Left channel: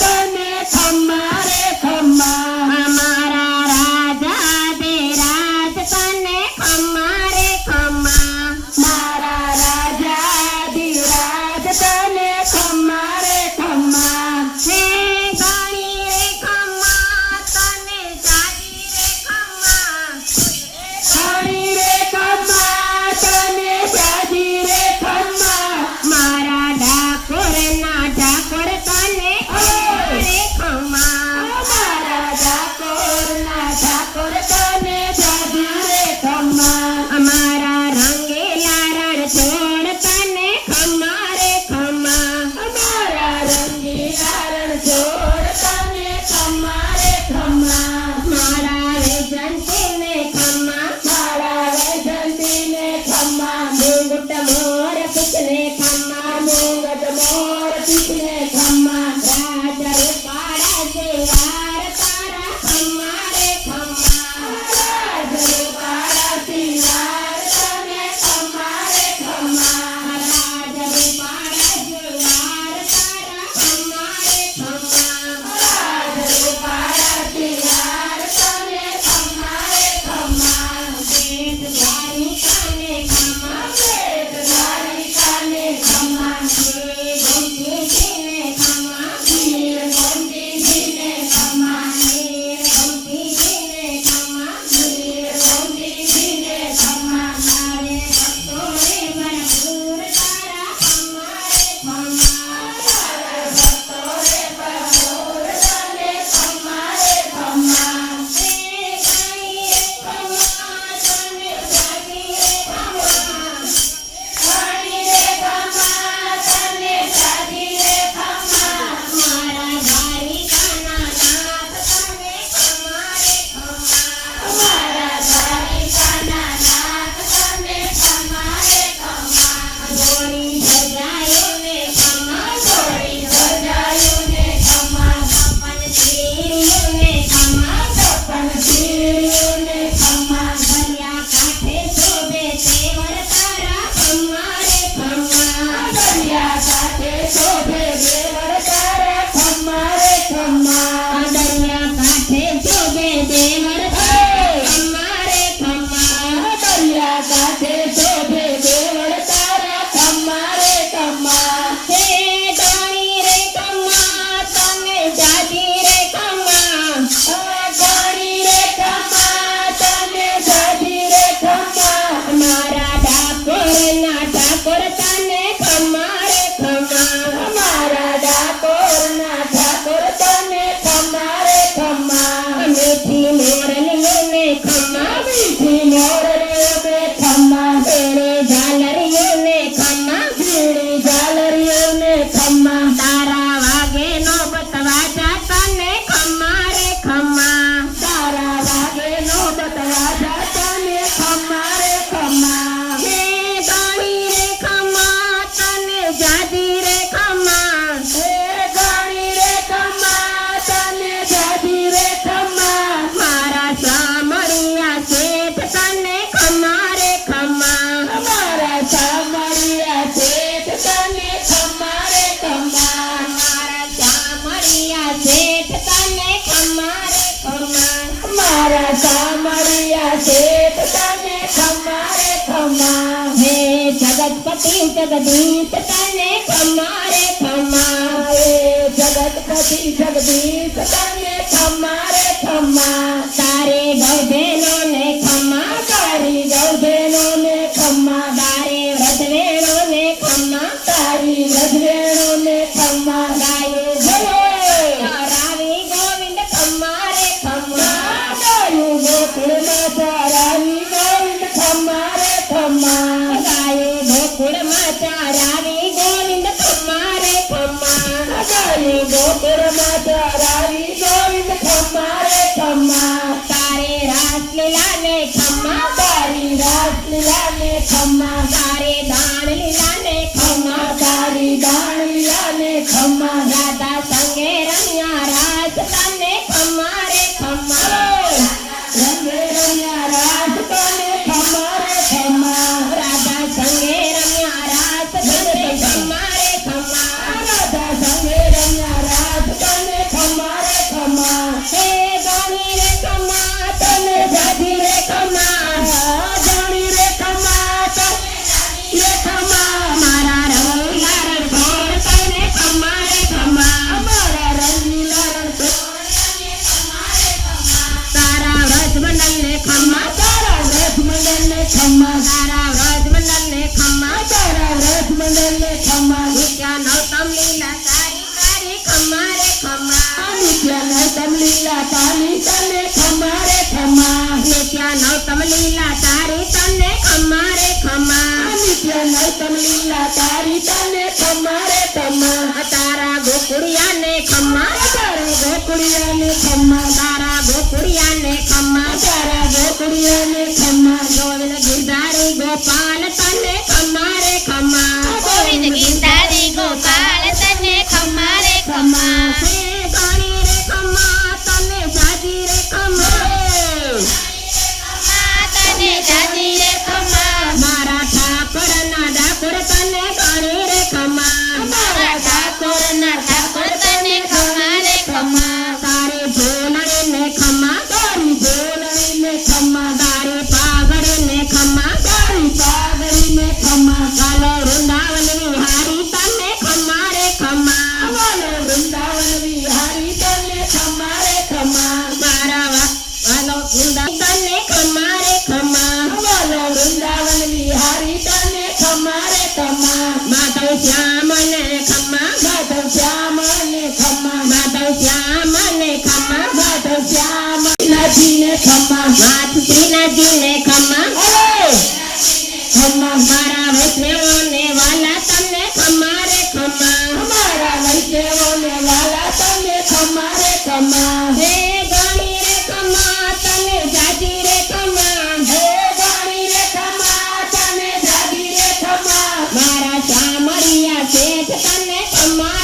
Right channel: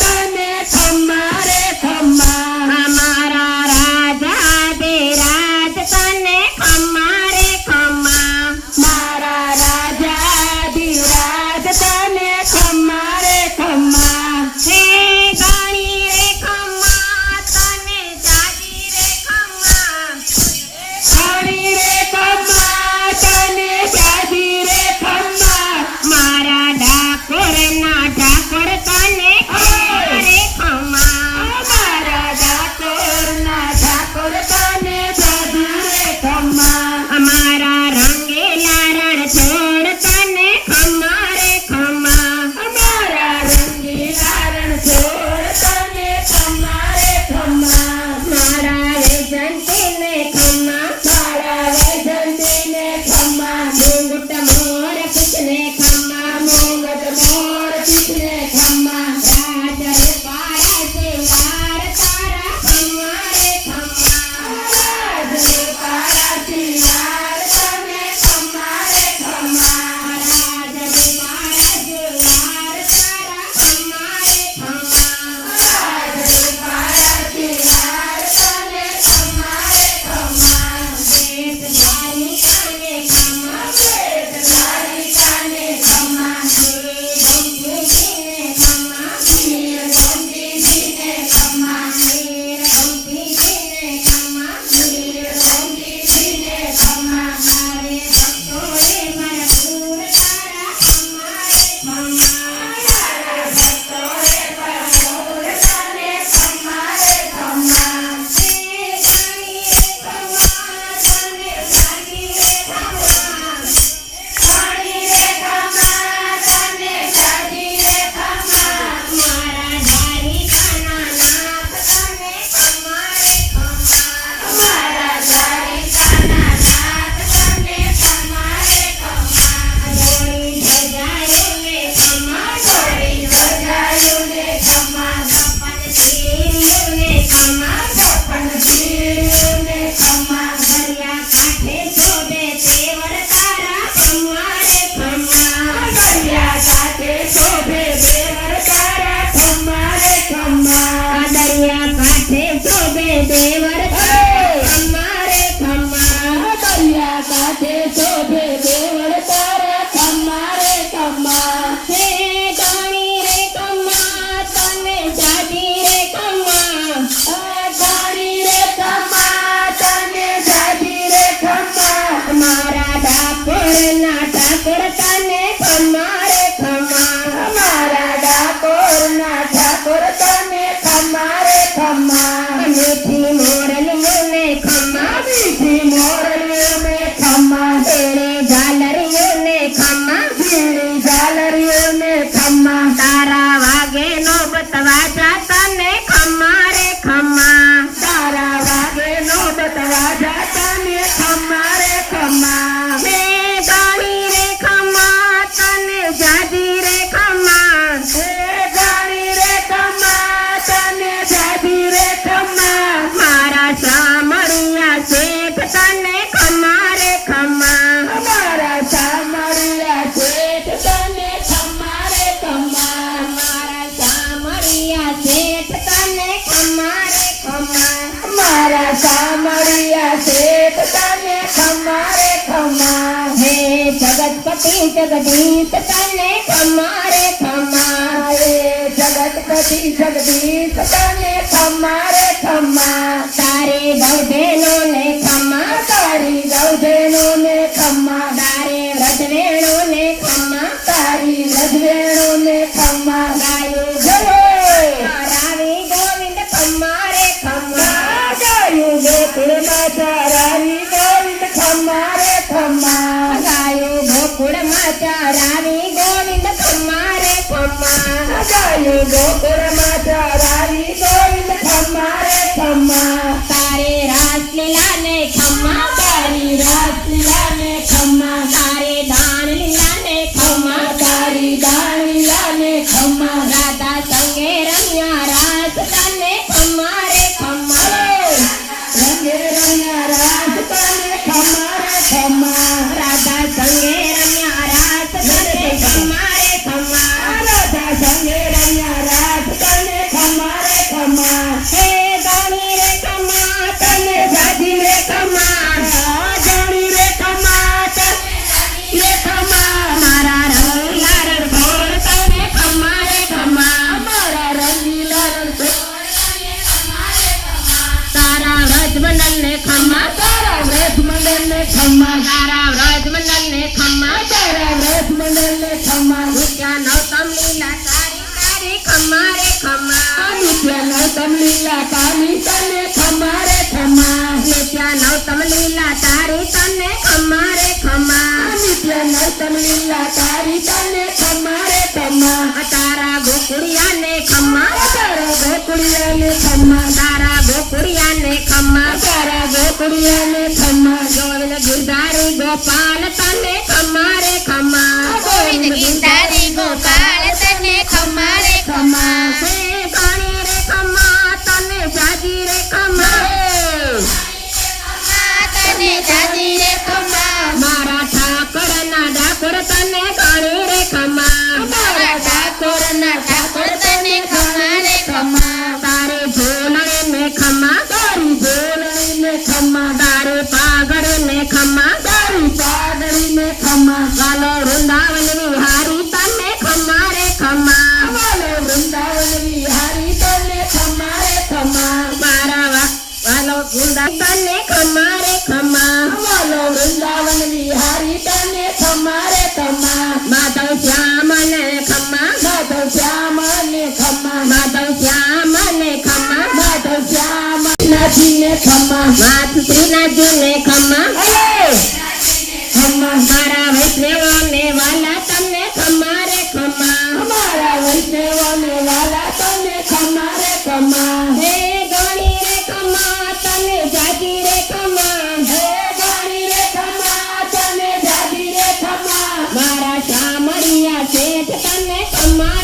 तने खम्मा रे खम्मा हमारा राजा धीराज तने खम्मा रे खम्मा मारा राजा धीराज तने खम्मा रे खम्मा हे गाड़ी रे खम्मा तने जादी रे खम्मा गाड़ी रे खम्मा तने जादी रे खम्मा मारा ठाकुर ना ठाकुर तने खम्मा रे खम्मा मारा ठाकुर ना ठाकुर तने जादी रे खम्मा हमारा रंगीला रण छोड़ तने खम्मा रे खम्मा हमारा रंगीला रण छोड़ तने खम्मा रे खम्मा मारा वैजंती ने खम्मा मारा वैजंती ने खम्मा मुंगट मोर किसने खम्मा मुंगट मोर किसने खम्मा राज रे पारा सिंगार तारा खम्मा रे खम्मा राज रे पारा सिंगार तने खम्मा रे खम्मा राज रे पारा जुलार तारा खम्मा रे खम्मा राज रे पारा सिंगार तने खम्मा रे खम्मा देश जानी काने खम्मा पेट धारी तने खम्मा गंगी जीने खम्मा नीर गंगी जीने खम्मा नीर गंगी जीने खम्मा नीर गंगी जीने खम्मा सारे भक्तों रे भरपूर तारा खम्मा रे खम्मा सारा भक्तों रे भरपूर तने खम्मा रे खम्मा हे गाड़ी रे खम्मा तने जादी रे खम्मा गाड़ी रे खम्मा तने जादी रे खम्मा मारा धारी काना नाथ तने खम्मा रे खम्मा हमारा धारी काना नाथ तने खम्मा रे खम्मा गोरी सजायो ने खम्मा छोड़ी सजायो ने खम्मा अपन पीरियो ने खम्मा सपन पीरियो ने खम्मा दरिया काठे शोभे तेवर तारा खम्मा रे खम्मा दरिया काठे शोभे देवर तारा खम्मा रे खम्मा दरिया काठे शोभे देवर तारा खम्मा रे खम्मा दरिया काठे शोभे देवर तारा खम्मा रे खम्मा हे गाड़ी रे खम्मा तने जादी रे खम्मा गाड़ी रे खम्मा तने जादी रे खम्मा हमारा ठाकुर ना ठाकुर तने खम्मा रे खम्मा हमारा ठाकुर ना ठाकुर तने खम्मा रे खम्मा मीठी मोरलियों ने खम्मा मीठी मोरलियों ने खम्मा तेरे झालरियों ने खम्मा बीड़ी झालरियों ने खम्मा तारा वागे नौबत वाजा तने खम्मा रे खम्मा तारा वागे नौबत वाजा तने खम्मा रे खम्मा हे गाड़ी रे खम्मा तने जादी रे खम्मा ए गाड़ी रे खम्मा तने जादी रे खम्मा मारा सामरिया सेठ तने खम्मा रे खम्मा हमारा सामरिया सेठ तने खम्मा रे खम्मा मारा सामरिया सेठ तने खम्मा रे खम्मा हमारा सामरिया सेठ तने खम्मा रे खम्मा हे जगतपति जगदीश तने खम्मा रे खम्मा ए जगतपति जगदीश तने खम्मा रे खम्मा तारे गौधेनो ने खम्मा तारी गौधेनो ने खम्मा तारे रजवेणो ने खम्मा तारी रजवेणो ने खम्मा गायो जयो रावी गोविंद खम्मा रे खम्मा गायो गोकुल माता रावी गोविंद खम्मा रे खम्मा गायो गोकुल माता रावी गोविंद खम्मा रे खम्मा गायो गोकुल माता रावी गोविंद खम्मा रे खम्मा तारे रासलीला ने खम्मा तारी रासलीला ने खम्मा तारे दान लीला ने खम्मा तारी दान लीला ने खम्मा राधा संगे रम्या रास तने खम्मा रे खम्मा रंगे रंगा रास तने खम्मा रे खम्मा राधा संगे रम्या रास तने खम्मा रे खम्मा राधा संगे रंगा रास तने લીલા તારી તારી ખમ્મા રે ખમ્મા નિત્ય નૌતમ લીલા તારી તને ખમ્મા રે ખમ્મા નિત્ય નૌતમ લીલા તારી તને ખમ્મા રે ખમ્મા નિત્ય નૌતમ લીલા તારી તને ખમ્મા રે ખમ્મા તારા ગોકુળિયાને ખમ્મા તારા ગોકુળિયાને ખમ્મા તારા ગોકુળિયાને ખમ્મા તારા ગોકુળિયાને ખમ્મા ગોવિંદ ગિરધારી ગોપાલ તને ખમ્મા રે ખમ્મા ગોવિંદ ગીતારી ગોપાલ તને ખમ્મા રે ખમ્મા હે ગાણી રે ખમ્મા તને જાજી રે ખમ્મા ખમ્મા તને જાજી રે ખમ્મા મારા ઠાકોરના ડાકોર તને ગાણી રે ખમ્મા મારા ઠાકોરના ઠાકોર તને ખમ્મા રે ખમ્મા તારે ઝોલણી ને ખમ્મા તારી ઝોલણીને ખમ્મા તારે પાઘડી ને ખમ્મા તારી પાઘડીને ખમ્મા વાલો વૃંદાવન વિહારી તને ખમ્મા રે ખમ્મા વાલો વૃંદાવન વિહારી તને ખમ્મા રે ખમ્મા મારા વાલો વૃંદાવન તને ખમ્મા રે ખમ્મા વાલો વૃંદાવન વિહારી તને ખમ્મા રે ખમ્મા માધવ શ્યામ ને ખમ્મા માધવ શ્યામ ને ખમ્મા માધવ શ્યામ ને ખમ્મા માધવ શ્યામ નાથજીને ખમ્મા નાથ શ્રીનાથજી ને ખમ્મા અરે ખમ્મા મારા વૈષ્ણવોને વાલા તને ખમ્મા રે ખમ્મા અમારા વૈષ્ણવોને વાલા તને ખમ્મા રે ખમ્મા હે ગાણી રે ખમ્મા તને જાજી રે ખમ્મા હે ગાણી રે ખમ્મા તને જાગી રે ખમ્મા મારા શામળિયા શેઠ તને ખમ્મા